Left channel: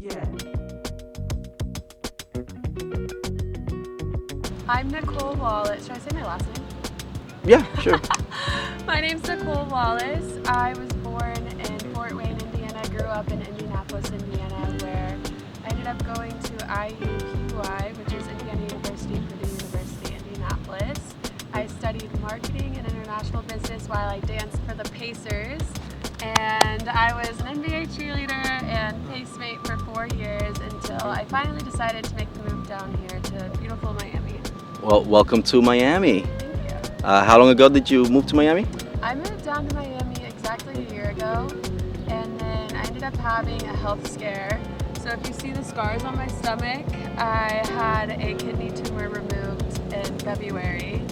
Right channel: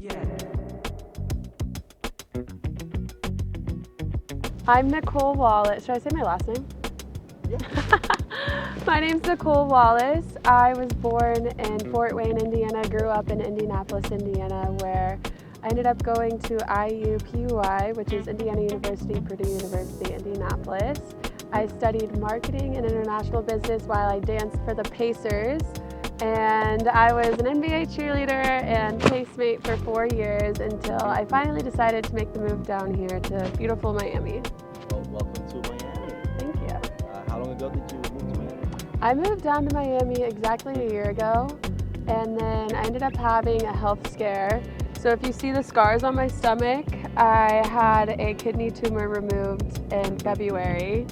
Yeah. I'm Nicole Wallace. Should I say my last name? Yeah, sure. My name's Nicole Wallace. I was born in Fort Wayne, Indiana, grew up in Indianapolis, Indiana, where I ended up going to IUPUI, which is Indiana University, Purdue University, Indianapolis. I studied marketing and international business while I danced for the Pacers. And I was an NBA cheerleader and placemate for 4 years until I finally decided to make the move down here to beautiful Miami. Well, welcome to Miami. Thank you. How long ago did you move to Miami? I moved down to Miami exactly a year ago, and then I ended up having a health scare. So if you see the scars on my stomach, I had a kidney tumor removed in February.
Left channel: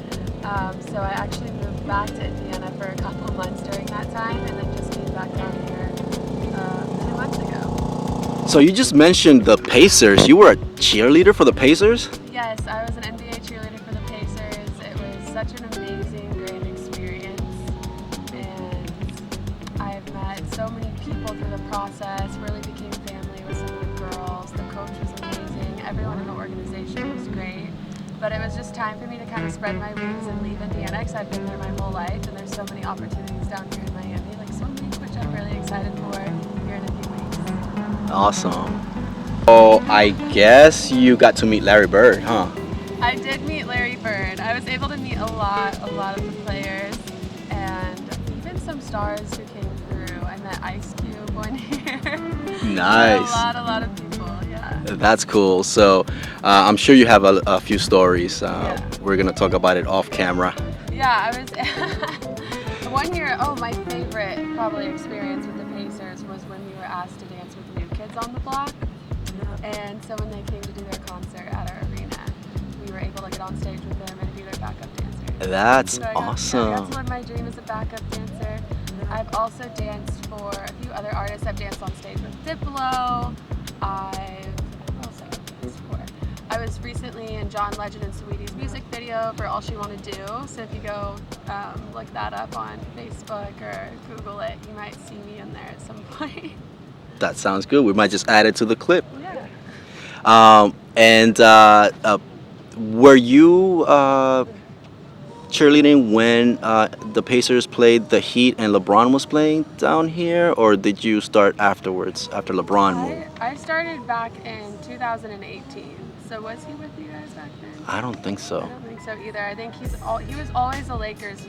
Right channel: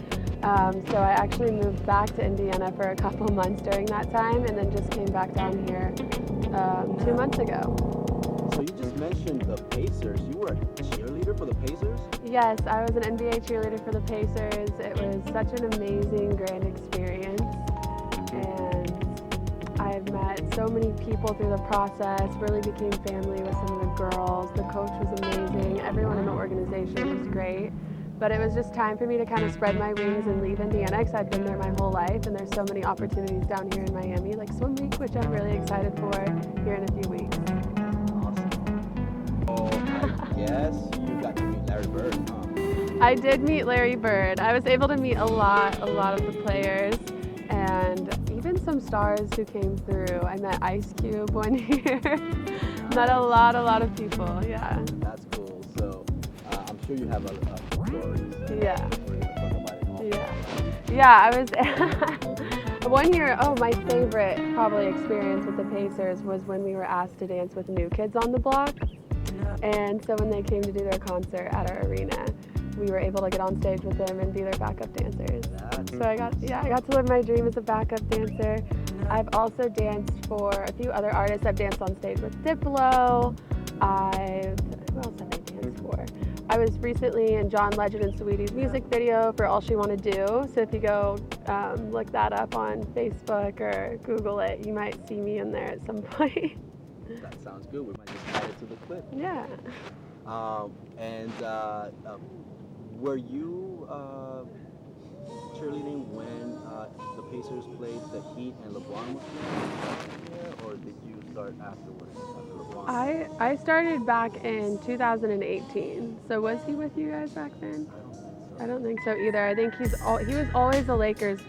So I actually moved back to Indiana for a couple of months during that time, and then just came back down here 2 months ago. So you just mentioned the Pacers. You were a cheerleader for the Pacers? Yes, I was an NBA cheerleader for the Pacers. It was such an amazing, grand experience, and I've met so many people through the process, really became family with some of the girls. The coach was amazing. Everyone in the organization was great. But it was just time for me to kind of spread my wings and leave Indiana because I've been there my whole life, and there's so many opportunities down here in Miami, like Swim Week, which I'm really excited for here in a few weeks. Awesome. Oh, I guess you got to meet Larry Bird, huh? I did meet Larry Bird. I was able to meet a lot of the players, and even some stars who came through. I met Ice Cube one year. Nice. A lot of people, yeah. That's cool. So I'm sure you have a few stories. Yeah. We're going to talk about it off camera. Yeah, I was one year. Oh, my favorite probably experience with the Pacers was when we were asked to dance with New Kids on the Block. And so when they came to do their concert at our arena, we were able to get on stage with them and be their backup dancers. That's So awesome. I got to live my dream as a backup dancer. I've also danced for a few other artists. I've danced on stage with Diplo. Who else have I danced for? I was recently in John Legend and Saweetie's music video for All She Wanna Do. So if you go look that up on Facebook or Google it, you might see me in there at some point. That sounds good. We might just add it to the clip. Yeah. Were you cheerleading when the Pacers played the Heat and LeBron was playing down here, or did you start afterwards, after LeBron moved? I started back in 2018. So was he with you guys back then? I don't think I so. don't think so either. I think he was always a Lakers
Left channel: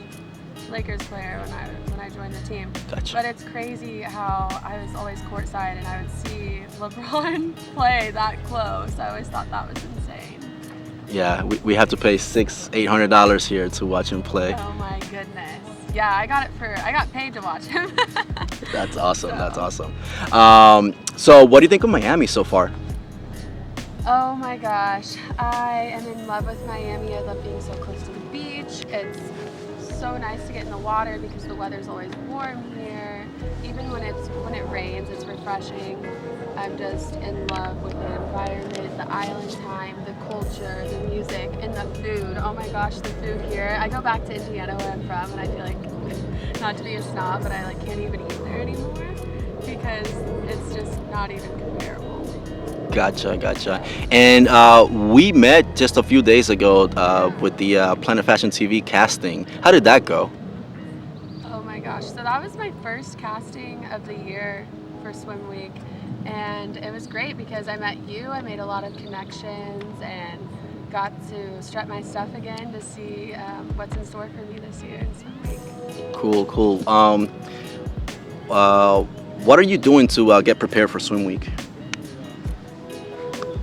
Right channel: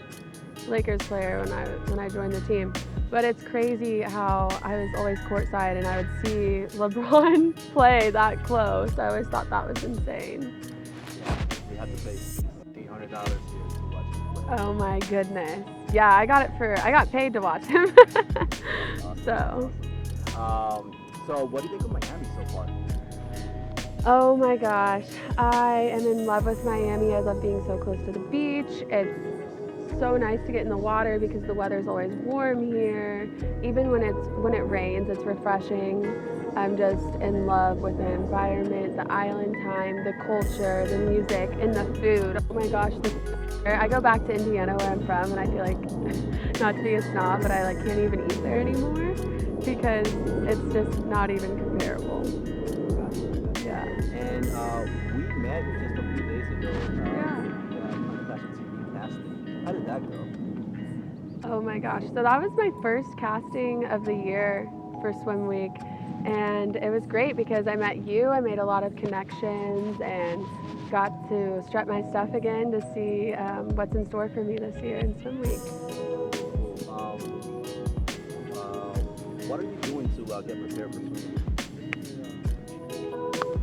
player when I joined the team. Gotcha. But it's crazy how I was always courtside and I would see LeBron play that close. I always thought that was insane. Yeah, we have to pay $800 here to watch him play. Oh my goodness. Yeah, I got paid to watch him. That's awesome. So. That's awesome. So what do you think of Miami so far? Oh my gosh, I am in love with Miami. I love being so close to the beach. It's so nice to get in the water because the weather's always warm here. Even when it rains, it's refreshing. I'm just in love with the environment, the island time, the culture, the music, and the food. Oh my gosh, the food here. I go back to Indiana where I'm from, and I feel like, not to be a snob, but I can't even eat there anymore because it's just not even comparable. Gotcha. And we met just a few days ago with the Planet Fashion TV casting. How did that go? Oh my gosh, so that was my first casting of the year for Swim Week, and it was great because I met you, I made a lot of connections, and got to strut my stuff again to see what's in store for me this year in Swim Week. Cool. What are you doing to get prepared for Swim Week?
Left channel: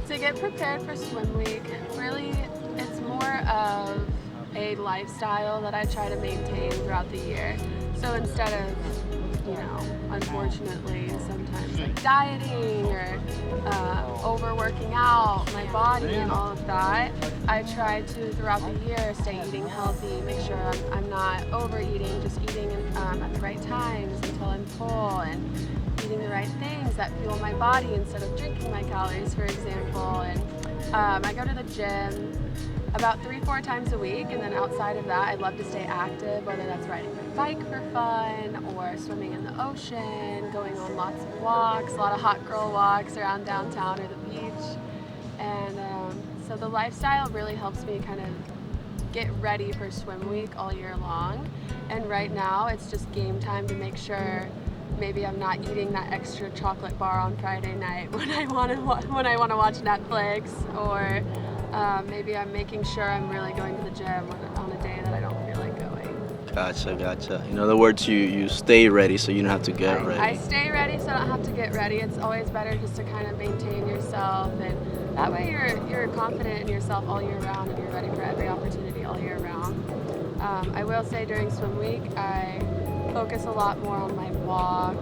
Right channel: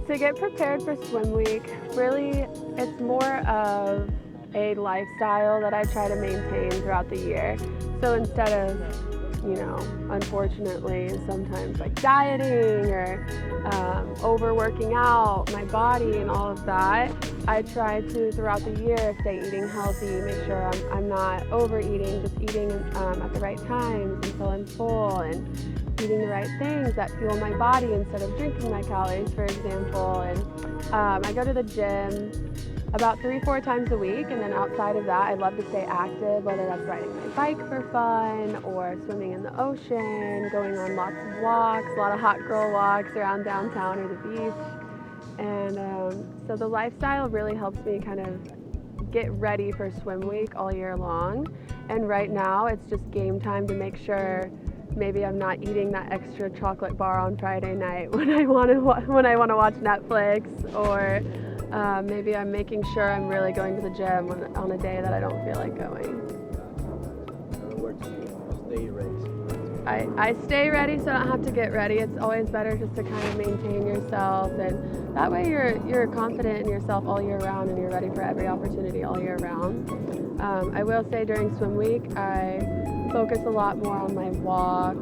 To get prepared for Swim Week, really, it's more of a lifestyle that I try to maintain throughout the year. So instead of, unfortunately, sometimes like dieting or overworking out my body and all of that, I try to, throughout the year, stay eating healthy, make sure I'm not overeating, just eating at the right times until I'm full, and eating the right things that fuel my body instead of drinking my calories, for example. And I go to the gym about 3-4 times a week, and then outside of that I love to stay active, whether that's riding my bike for fun or swimming in the ocean, going on lots of walks, a lot of hot girl walks around downtown or the beach. And so the lifestyle really helps me kind of get ready for swim week all year long. And right now it's just game time to make sure maybe I'm not eating that extra chocolate bar on Friday night when I want to watch Netflix, or maybe I'm making sure I'm really going to the gym on a day that I don't feel like going. Gotcha. In other words, you stay ready so you don't have to get ready. I stay ready so I don't have to get ready. It's always better just to kind of maintain yourself, and that way you're confident in yourself all year round and you're ready for every opportunity all year round. I will say during swim week I focus a lot more on my walk.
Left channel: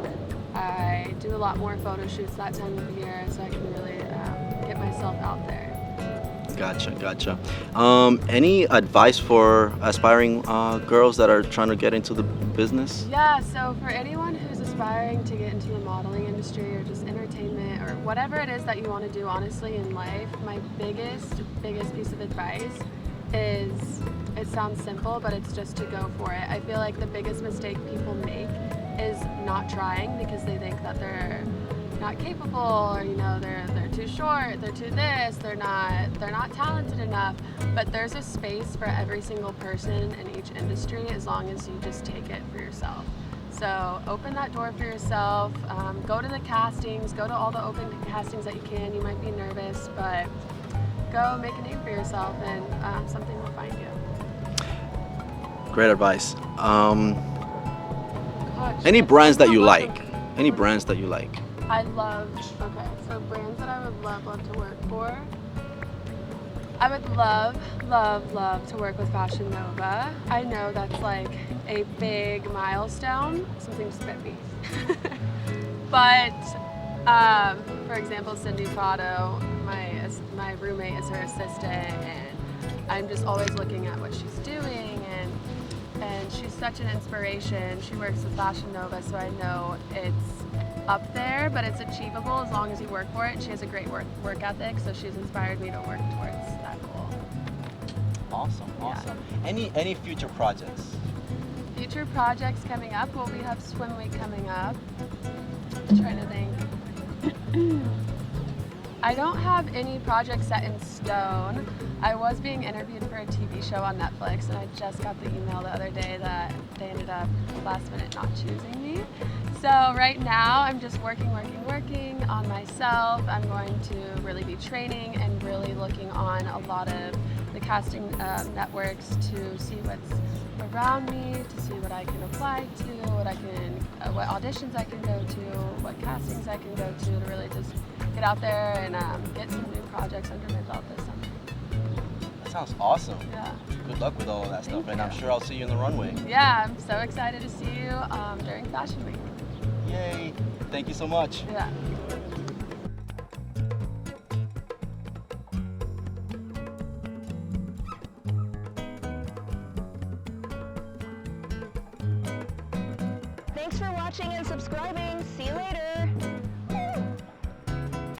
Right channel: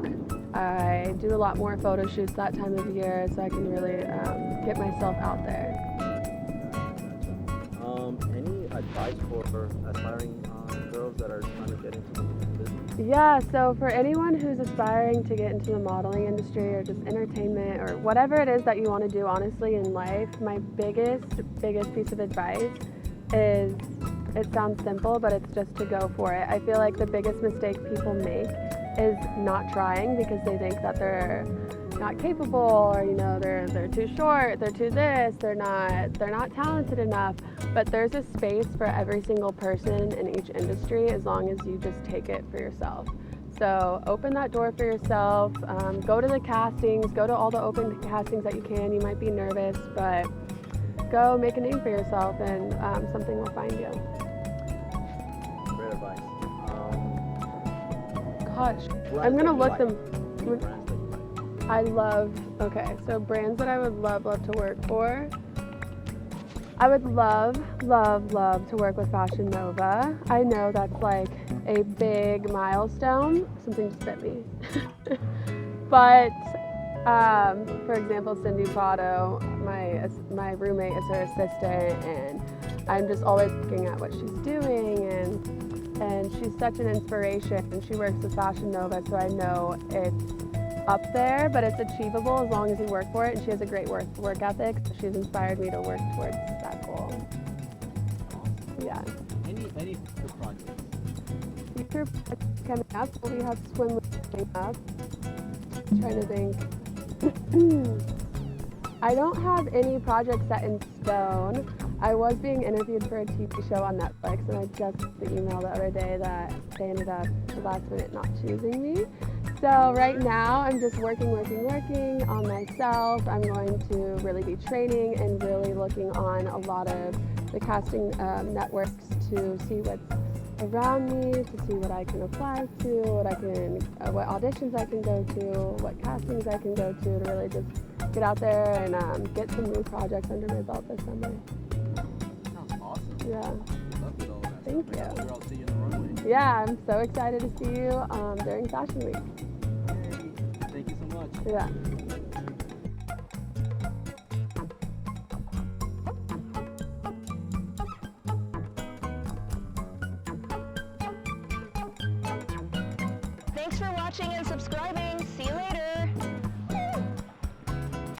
I do a lot more photo shoots that time of year so I can really get myself out there. Gotcha. Any advice for aspiring girls that are trying to get into the business? Yeah, so for anyone who's aspiring to get into the modeling industry or just entertainment or whatever it is that you want to do honestly in life, my biggest piece of advice is, it sounds simple, but it's just to go for it. I feel like the biggest mistake people make is not trying because they think that they're not capable, or they're too short, they're too this, they're not talented enough. But there's a space for every single person in each industry as long as you just take it for yourself. So open that door for yourself, go to the castings, go to all the open castings that you can. You might be nervous, but go make a name for yourself and something will find you. Great advice. Gosh, Any brands that you welcome. like? Any brands that you like? So brands that I would love to work for. I would love to work with Fashion Nova. I know that's like a big milestone. Something just bit me. But for example, Cindy Prado, my roommate is her assistant, and I'm just always looking at what she's doing, and she's such an inspiration. She works with Fashion Nova, so I know it's up there, but it's achievable as long as you work for it, and she has a great work ethic, so she's inspired me to work towards that goal. Awesome. Any future projects? Future projects coming up? Well, we have Swim Week coming up. I'm trying to think. I don't have any projects set in stone. I was being interviewed for a TV show on Netflix, and I just got the email the other day that they ended up last minute not choosing me. So right now I'm just working on myself. I'm going to really be training and really looking on a lot of the casting networks to see what's around me, to see what I can apply to, what auditions I can go to, what castings I can go to really just get out there and get some new projects under my belt this summer. That sounds awesome. Yeah. Good luck with all of that stuff, Thank and I'm you. sure I'll see you in the runway. Yeah, I'm so excited to see you during Fashion Week. Yay! Thank you so much. Yeah. Thanks for watching and subscribing. See you later.